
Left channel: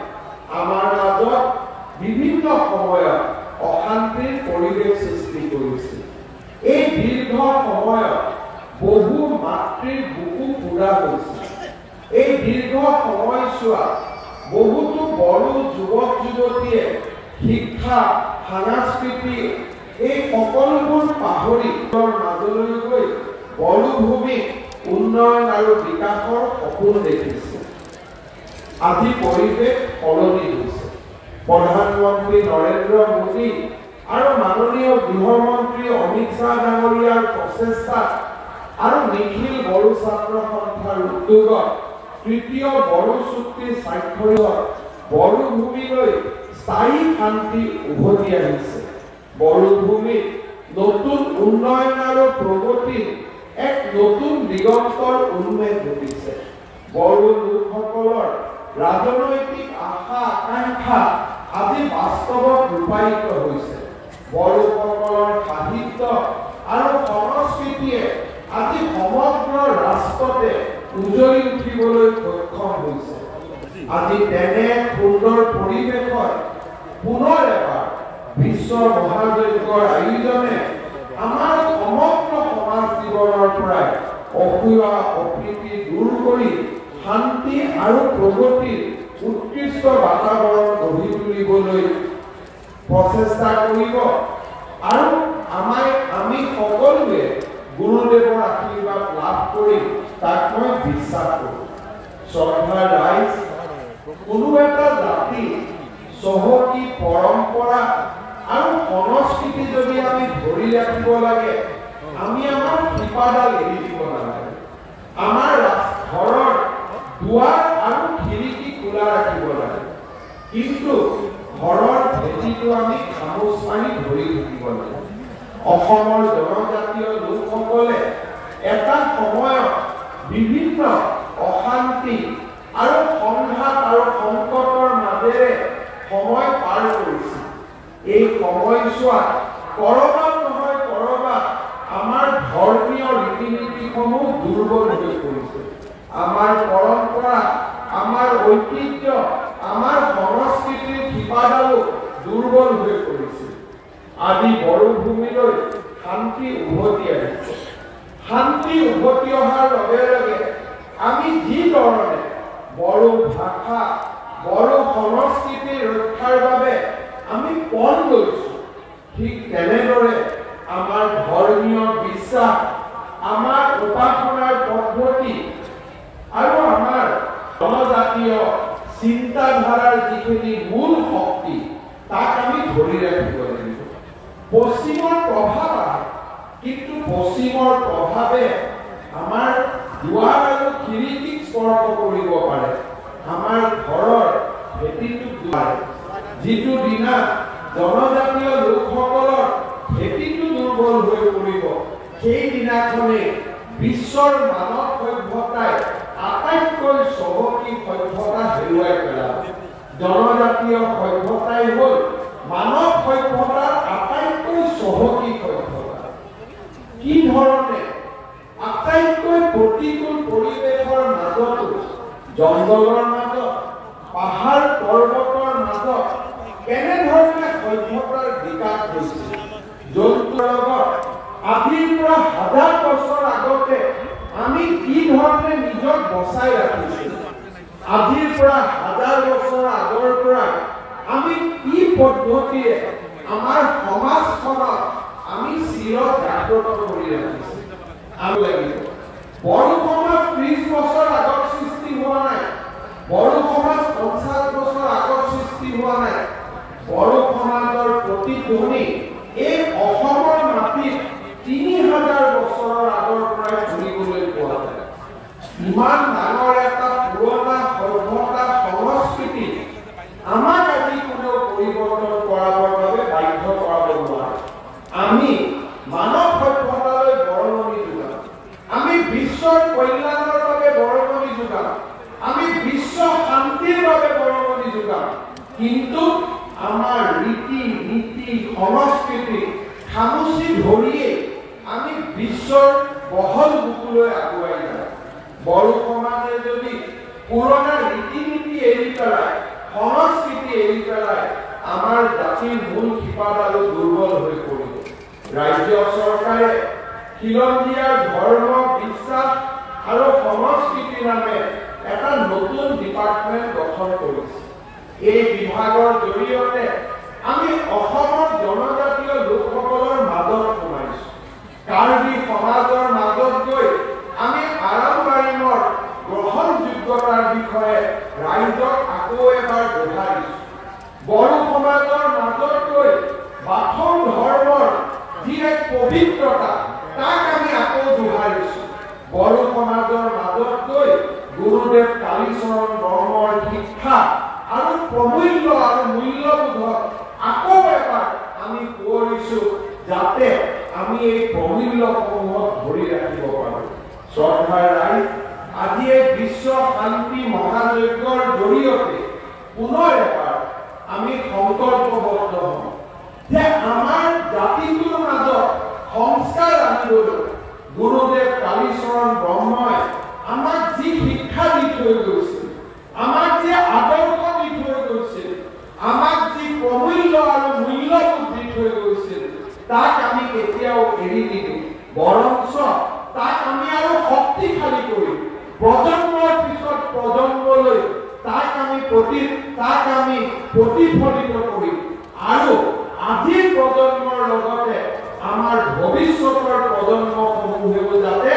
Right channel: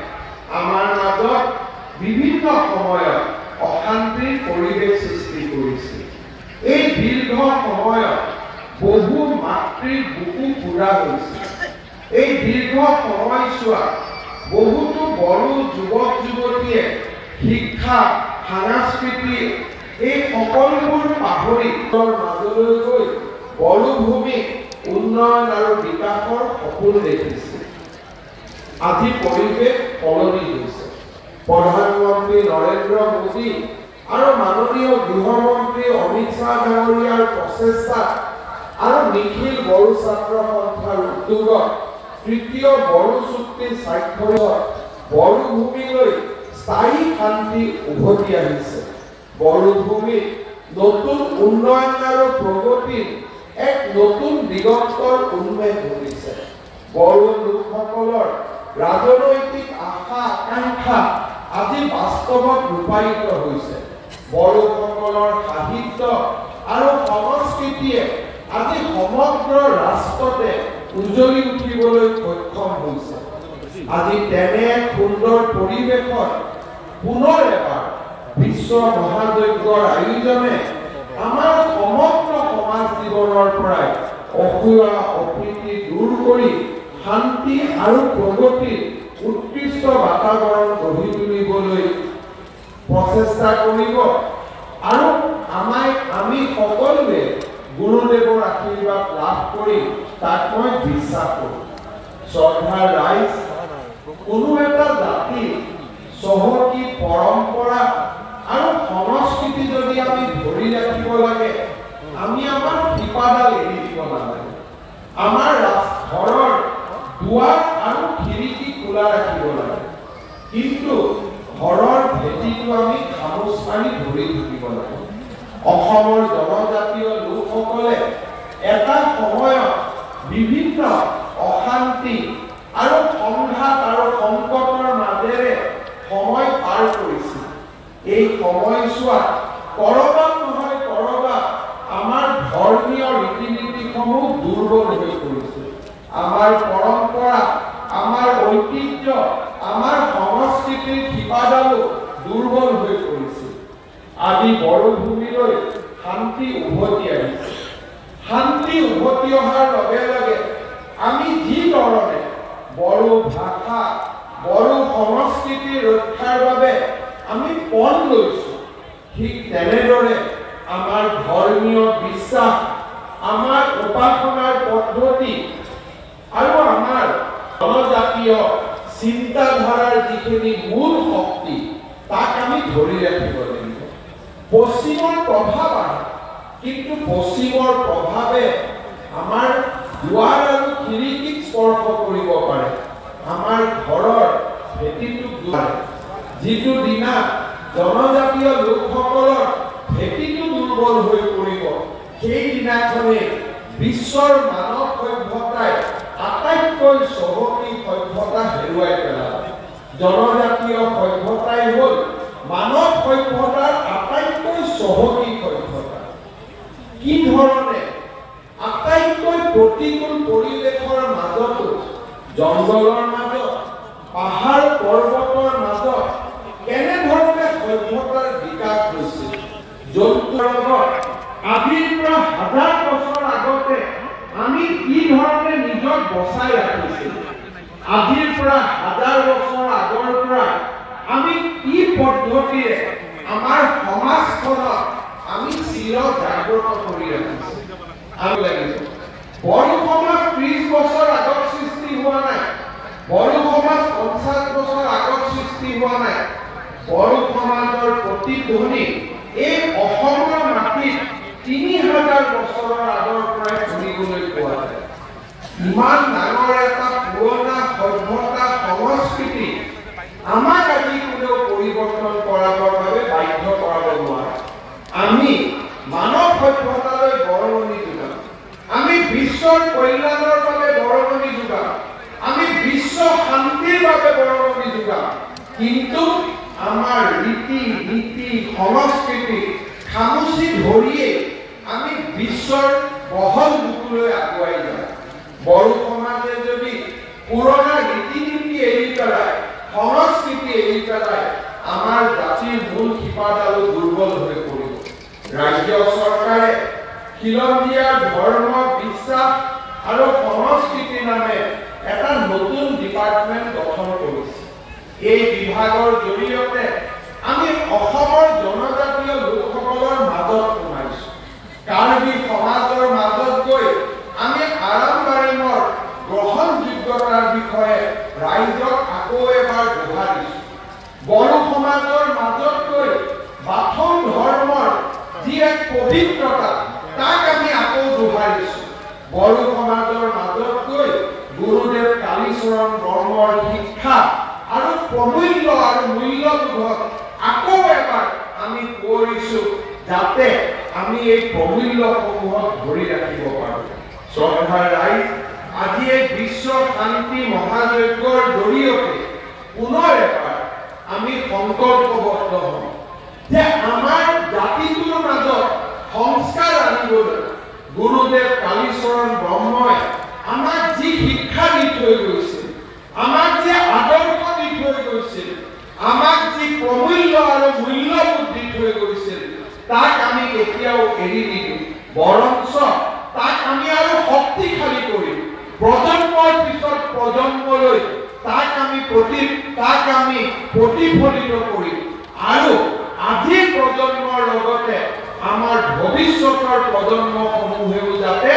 আমাৰ মাজত বিভিন্ন সময়ত অশান্তিৰ পৰিৱেশ সৃষ্টি কৰিছিল। এই দীৰ্ঘ সময়ত বহু মাতৃৰ বুকু ফুৰা হৈছিল। এই দীৰ্ঘ সময়ছোৱাত বহুতো বড়ো যুৱক যুৱতীয়ে শিক্ষা সংস্কৃতি এই সকলোবোৰ পাহৰি মাজলৈ গৈ বড়ো ভূমিক উন্নয়ন আৰু বিকাশৰ সপোন দেখিছে। আজি পৰিৱেশ সলনি হৈছে। প্ৰধানমন্ত্ৰী নৰেন্দ্ৰ মোদী আৰু মাননীয় গৃহমন্ত্ৰী অমিত শ্বাহ ডাঙৰীয়াৰ প্ৰচেষ্টা আৰু নিখিল বড়ো ছাত্ৰ সন্থাৰ উদ্যোগত তৃতীয় বড়ো চুক্তি স্বাক্ষৰিত বড়ো ভূমিলৈ স্থায়ী শান্তি উভতি আহিছে। বড়ো ভূমিত নতুন উন্নয়ন আৰু প্ৰগতিৰ এক নতুন দিগন্তৰ উন্মেষ ঘটিছে। বড়ো লোকসকলৰ ৰাজনৈতিক আশা আকাংক্ষা আজি বাস্তৱত ৰূপায়িত হৈছে। বড়োসকলৰ সাহিত্য আৰু সংস্কৃতিয়ে আজি সমগ্ৰ ৰাষ্ট্ৰতে উজ্বলি উঠিবলৈ সক্ষম হৈছে। আজি তেনে সুন্দৰ পৰিৱেশত পুনৰ এবাৰ বিশ্ব মহাযজ্ঞৰ আয়োজনে আমাৰ সমগ্ৰ সমাজ জীৱনৰ পৰাই অসূয়া অপ্ৰীতি দূৰ কৰি শান্তি আৰু প্ৰগতিৰ উৎকৃষ্ট বাতাবৰণ গঢ়ি তুলিবলৈ প্ৰচেষ্টা কৰিব আৰু আমি সকলোৱে গুৰুদেৱৰ আশীৰ্বাদ লাভ কৰি তাক মই বিশ্বাস কৰোঁ। শ্ৰদ্ধাৰ ৰাইজ, কোনো এটা জাতি চহকী পৰম্পৰা আৰু সংস্কৃতি যদি আমি ধৰি ৰাখিব লাগে, আমি আমাৰ শিপাডাল এৰি দিব নালাগে। আমাৰ ঘৰৰ দুৱাৰ আৰু খিৰিকী খোলা ৰাখিব লাগে, কিন্তু ঘৰৰ ভেটিটো আমি খামোচ মাৰি ধৰি থাকিব লাগে। অসমৰ জনজাতীয় লোকসকলে এটা সময়ত বিভিন্ন অশান্তি আৰু সংঘাত আৰু সংকটৰ মাজেৰে সময় পাৰ কৰিছিল। এই সময়ছোৱাত কৰবাত নহয় কৰবাত আমাৰ ধৰ্মীয় ৰীতি নীতিসমূহ দুৰ্বল হৈ পৰিছিল। আমাৰ পৰম্পৰা, আমাৰ ঐতিহ্য, আমাৰ সংস্কৃতিৰ শিপাডালো দুৰ্বল হৈ পৰিছিল। আজি বড়ো ভূমিলৈ শান্তি উভতি আহিছে। শান্তি উভতি অহাৰ লগে লগে আমি যি ধৰণে বড়ো ভাষা, বড়ো সংস্কৃতি ৰক্ষাৰ বাবে আমি পণ লৈছোঁ, ঠিক তেনেদৰে আমাৰ ধৰ্মীয় বিশ্বাস, আমাৰ উপাসনাৰ পদ্ধতি আৰু আমাৰ জনজাতীয় চিন্তাধাৰাৰ যিখিনি মূল শক্তি, তাক আমি ধৰি ৰাখিব লাগিব। পশ্চিমৰ প্ৰভাৱ আহে, কিন্তু পশ্চিমৰ প্ৰভাৱে আমাৰ দুৱাৰ আৰু খিৰিকীক স্পৰ্শ কৰিব পাৰে, আমাৰ ঘৰৰ ভেটিটোক দুৱাৰে। যিটো দিনা জনজাতীয় লোকসকলৰ ভেটিটো দুৰ্বল হৈ পৰিব, সেই দিনাখনে বিশ্বৰ মানৱ সভ্যতাই আটাইতকৈ চহকী সভ্যতা হেৰুৱাই পেলাব। জনজাতীয় সভ্যতাই হ'ল মানৱ সভ্যতাৰ আটাইতকৈ চহকী সভ্যতা। কি ধৰণে আটাইতকৈ প্ৰতি জংগলৰ মাজত পাহাৰ পৰ্বতৰ মাজত কেনেধৰণে সভ্যতাৰ বিকাশ হৈছিল জন্তুৰ লগত আদিৰ পৰা হাজাৰ বছৰ আগতে আমি কি ধৰণে নিজক বচাই ৰাখিছিলোঁ আদিৰ পৰা হাজাৰ বছৰ আগৰ পৰা আমি কি পদ্ধতিৰে আমাৰ সমাজখনক আমি চিৰ জাগ্ৰত কৰি ৰাখিছোঁ আমি লাগিছে বড়ো সমাজ 30 বছৰ আগত সৃষ্টি হোৱা নাই বড়ো সমাজ 50 বছৰ আগত সৃষ্টি হোৱা নাই বড়ো সমাজৰ প্ৰতিধ্বনি এই অসমৰ মাটিত 3000 বছৰৰ আগৰ পৰাই শুনিবলৈ পোৱা যায় ইমান ডাঙৰ এটা পুৰণা সভ্যতা সংস্কৃতি আমাক আজি কোনেও পৰিৱৰ্তন কৰাবৰ বাবে বাধ্য কৰাব নোৱাৰে আমি মানৱ সভ্যতালৈ বৰঙণি যোগাওঁ আমি বিশ্বৰ কল্যাণৰ বাবে বৰঙণি যোগাওঁ আমি বিশ্ব শান্তিৰ বাবে বৰঙণি যোগাওঁ কিন্তু আমাৰ ৰীতি নীতি সংস্কৃতি খামুচি ধৰিয়ে আমি বিশ্বৰ বহল বুকুলৈ আগুৱাই যাওঁ বড়ো সমাজে যদি পুৰণা ৰীতি নীতি এৰি পেলাই সংস্কৃতি এৰি পেলাই আমাৰ জাতিৰ মূল শিপাডালো দুৰ্বল হৈ পৰিব ৰাজ্য চৰকাৰে খিলঞ্জীয়াৰ ধৰ্ম বিশ্বাস আৰু সংস্কৃতি নামে এটা নতুন ডিপাৰ্টমেণ্ট গঠন কৰিছে এই বিভাগৰ জৰিয়তে আমি অসমৰ জনজাতীয় লোকসকলৰ মাজত সোমাইছো কাৰ্বি সমাজৰ মাজত গৈ আমি আৰামবাৰীমৰ গ্ৰহণযোগ্যতাৰ বিষয়ে ৰাইজক আকৌ এবাৰ দোহাৰিছো বড়ো সমাজৰ মাজত গৈ বাথৌ ধৰ্মৰ যি এক পবিত্ৰতা তাক আমি আকৌ দোহাৰিছো বড়ো সমাজৰ মাজত গৈ গুৰুদেৱ কালীচৰণ বৰ্মৰ শিক্ষা আৰু প্ৰমূল্য আৰু মূল্যবোধক আকৌ এবাৰ আমি কৰিছো যাতে আমি এই প্ৰমূল্যসমূহক ধৰি ৰাখিব পাৰোঁ শ্ৰদ্ধাৰ ৰাইজ আজি এই বিশ্ব শান্তি মহাযজ্ঞৰ জৰিয়তে পুনৰ এবাৰ আমি সংকল্পবদ্ধ হওঁ যে আমাৰ জাতিটোৰ মাজত সংস্কাৰ আনিবলৈ গুৰুদেৱ কালীচৰণ ব্ৰহ্মই আমাক যি শিক্ষা দি থৈ গৈছিল আমাক যি আদৰ্শ দি থৈ গৈছিল আমাক যি প্ৰমূল্য আৰু মূল্যবোধ দি থৈ গৈছিল তাক আমি কেতিয়াও এৰি নিদিওঁ বৰঞ্চ তাক আমি আৰু শক্তিশালী কৰিম প্ৰজন্মৰ পিছত প্ৰজন্মলৈ তাক আমি প্ৰতিফলিত কৰিম আৰু আজিৰ প্ৰজন্মৰ লগতে আমাৰ ভৱিষ্যতৰ প্ৰজন্মসমূহেও যাতে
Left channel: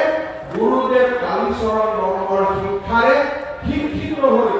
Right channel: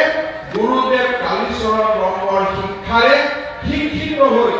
গুৰুদেৱ কালীচৰণ ব্ৰহ্মৰ শিক্ষাৰে শিক্ষিত হৈ